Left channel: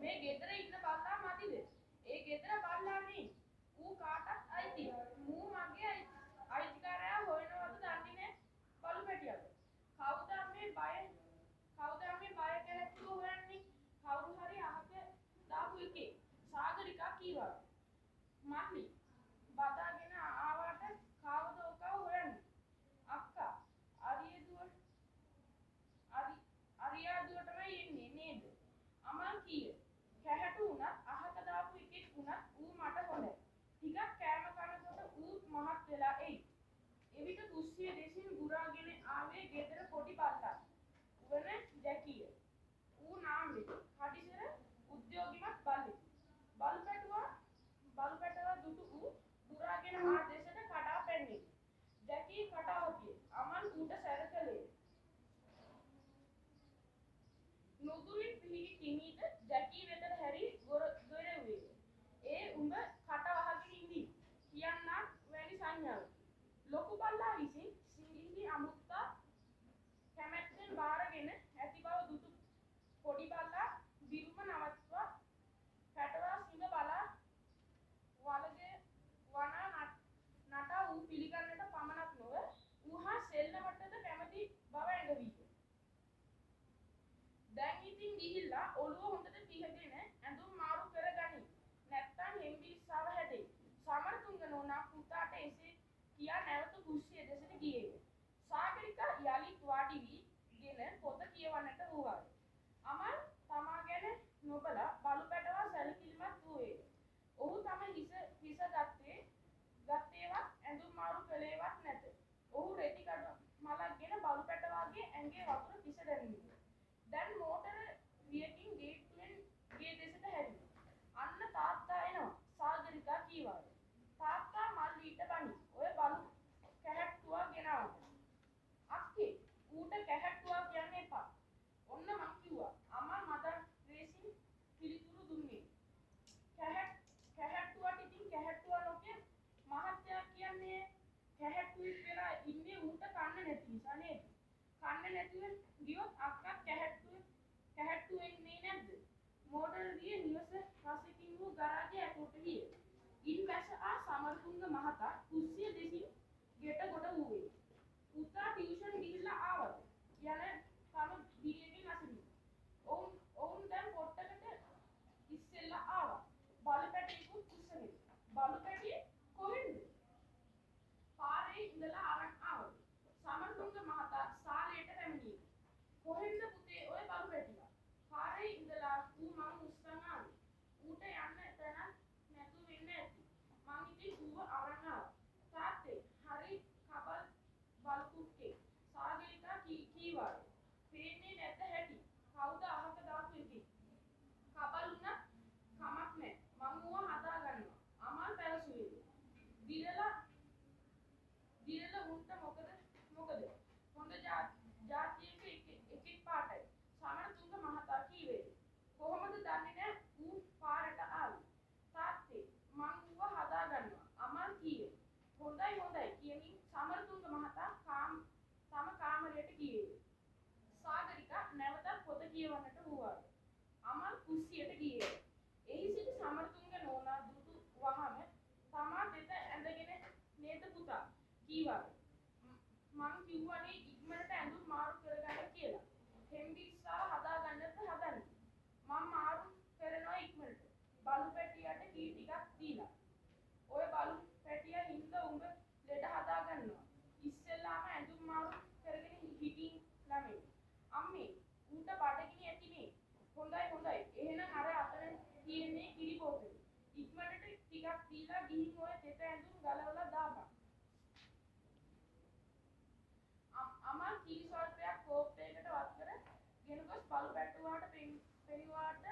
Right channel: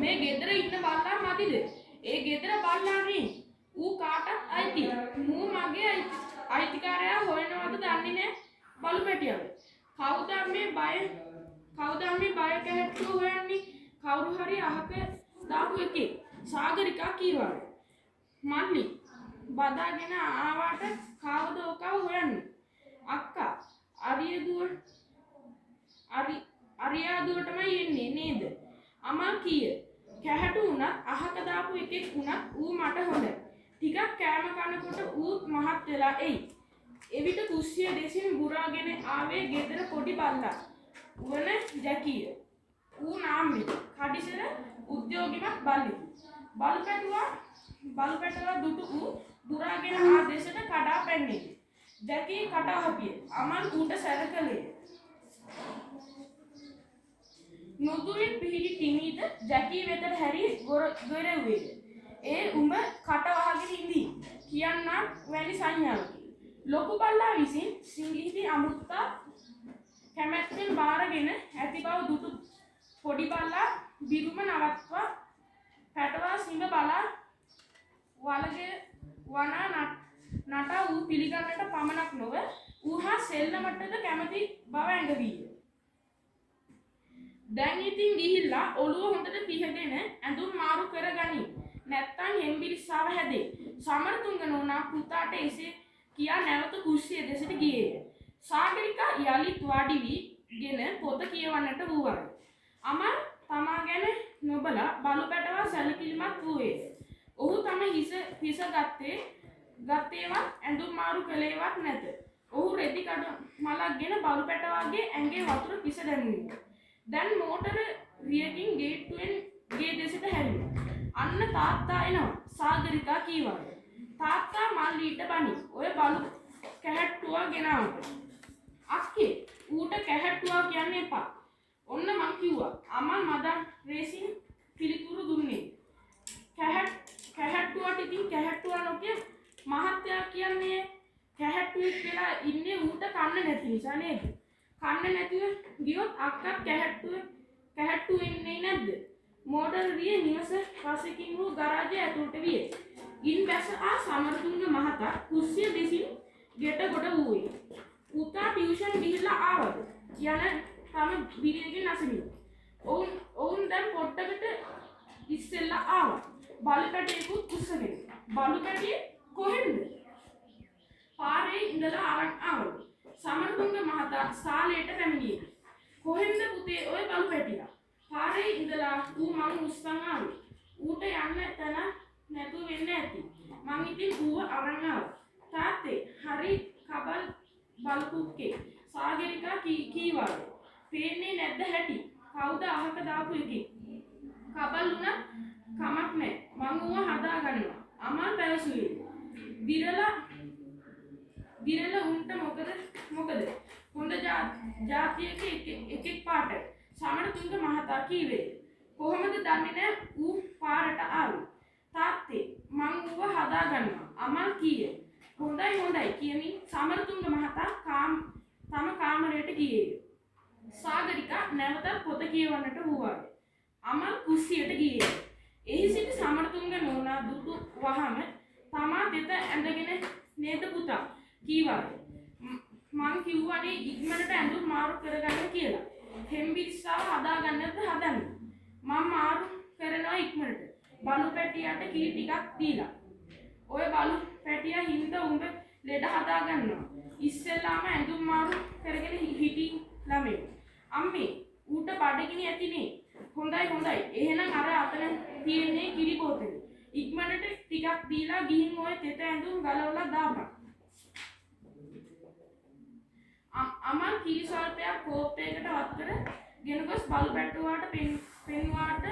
මේ ගෙදර ඉන්න බල්ලා මදිද? ඒ ගෙදර බල්ලා නේ. ඌ කාටත් අයිති. මූ මගේ අයිතිකාරයා හොයනවද දන්නේ නැහැ බලු පැටියව. කවුද මේ බය කැට්ටුව හොයන්නේ? කවුරු හරි අහක දාපු එකේ. සාගරිකා කීවා. මල්ලි බදාගෙන ආවට කවුද ඔකව හොයන්නේ? අක්කා අරියාදුවටමයි එන්නේ නේද? අමල් කීය. කැහැටු උනත් අහක දාපු එකෙක් උනත් ඌ මට හොඳයි. ටිකක් කෑම කනකොට ඌත් මහත් වෙලා එයි. එවිට කුස්සිය දෙසින් බුරාගෙන ආවේ ගෙදර පොඩි බල්ලා. වන ජැකිය. ඌ නාම්මේ කඩිසර උද්‍යෝගිමත් බල්ලි. බලු පැටවා දුටු ඌ බුරාගෙන ආ දෙසට කඩා පැන්නේ. ජැකී කටා හපිය. අමල් ඌට සැරකලේ. නුදුරින් පිහිටි ටිමීද ජැකී වෙතට හැරි ගොරෙව්වේ. ඒ උඹ කට වහගෙන ඉඳී කියන්නම් වැනි සංඥාවකි. ලොකු බල්ලා විසින් සිංහිති අමුත්තා කැමැත්තෙන් බාරගෙන ඇති බව දුටු පොඩි බල්ලා බිරුම නවත්වා පැටවා සිඹ බලා වලගේ වනා නටා ඌ පිළිගන්නට පමණක් නොව ඌ හා සෙල්ලමටද කැමති බව ඇඟවීය. දැන් ඉතින් ගිහිල්ලා ඔළුව හොඳට පිහගෙන ඇඳුම් මාරු කරගනි. නැත්තම් හෙම්බිරිස්සාව හැදේ. සමරතුංග නෝනා පුතාට එසේ කියා නැවත කුස්සිය දෙසට ගියේය. සාගරිකා යලිත් වාඩි වීගෙන පොත කියවන්නට වූවාය. අමල් තමා ගැන නොබලා බලු පැටවා සැලකිලිමත් වූයේ. ඔහු තම හිස ගත්තේවත් ඇඳුම් මාරු කළේවත් නැත. ඔහු රෙදි කඩ මලක්ගෙන බලු පැටවාගේ ඇඟේ වතුර පිස දැමුවා. දැන් මෝටර රියකින් ගේට්ටුවෙන් ගේ දෙසට හැරියා. අන්න තාත්තා එනවා සාගරිකා කීවාය. තාත්තා මල්ලීට බනි. ඔය බලු කැහැට්ටුවා ගෙනාවට. අක්කේ ඌට කැහැට්ටුවා කියන්න එපා. ඔන්න මං කිව්වා. අමල් මදන් රේසින් පිළිතුරු දුන්නේ. කැහැට්ටුවට ඉතින් කැහැට්ටුවා නොකිය මහත්තයා කියන්නේ කැහැට්ටුවෙක් වෙලා ඉන්නේ ඌට කන්න නැති නිසා නේද? කන්න නැතිව ගියොත් අක්කත් කැහැට්ටු වෙන්නේ නැද්ද? මෝටර රිය නිවස පසකින් වූ ගරාජය ඇතුළට විය. ඉන් බැස ආ සමරතුංග මහතා කුස්සිය දෙසින් ගෙට ගොඩ වූයේ. පුතා ටියුෂන් ගිහිල්ලා ආවද? යන තම බිරියගෙන් අසමින්. ඔවුන් දැන් පොට්ටකට ඉස්සෙල්ලා ආවා. බලු පැටියෙකුත් උස්සගෙන. බලු පැටිය කොහෙන්ද? පාරේ ඉඳලා අරන් ආවලු. සමරතුංග මහතා සාලේට පැමිණියේ. කොහෙන්ද පුතේ ඔය බලු පැටියා? පාරේ ඉඳලා ඌ මං උස්සන් ආවේ. ඌට යන්න තැන නැතුව වෙන්න ඇති. මං ඉතින් ඌව අරන් ආවා. තාත්තේ හරි කබල් බලුකුක්කේ. සාගරිකා කීවාද? පේන්නේ නැද්ද හැටි? කවුද අහක දාපු එකේ? කබල් උනත් කමක් නැහැ. මං ඌව හදා ගන්නවා. අමල් පැවසුවේ. විරල උන්ට මොකද? හොඳ ජාතියක එකෙක් පාටයි. සමරතුංග මහතා කීවේ. කොහොමද දන්නේ නැහැ ඌ පාරට ආවේ? තාත්තේ මං ඌව හදා ගන්නවා. අමල් කීයේ. හොඳයි කියමින් සමරතුංග මහතා තම කාමරයට ගියේය. සාගරිකා නැවතත් පොත කියවන්නට වූවාය. අමල් කුස්සියට ගියේය. එහි සිට සමරතුංග නෝනා දුටු වහම තමා දෙත ඇඳගෙන නේද පුතා කීවාය. මං කිව්වනේ ඉක්මනට ඇඳුම් මාරු කරගන්න කියලා. හෙම්බිරිස්සාව හදාගන්නත් හදන්න. මම මාරු කරනවා ඉක්මනට. බලු පැටියට කිරි ටිකක් දීලා. ඔය බලු පැටියා හින්දා උඹ ලෙඩ හදාගන්නවා. ඉස්සෙල්ලාම ඇඳුම් මාරු කරගෙන හිටි ළමයි. අම්මේ ඌට බඩගිනි ඇතිනේ. හොඳයි. එහෙනම් අර අතන තියෙන්නේ කිරි බෝතලේ. ඉක්මනට ටිකක් දීලා ගිහින් ඔය තෙත ඇඳුම් ගලවලා දාපන්. අමල් කිරි සල්පයක් කෝප්පයකට වත් කර ගෙන ගොස් බලු පැටුවාට පෙන්වාට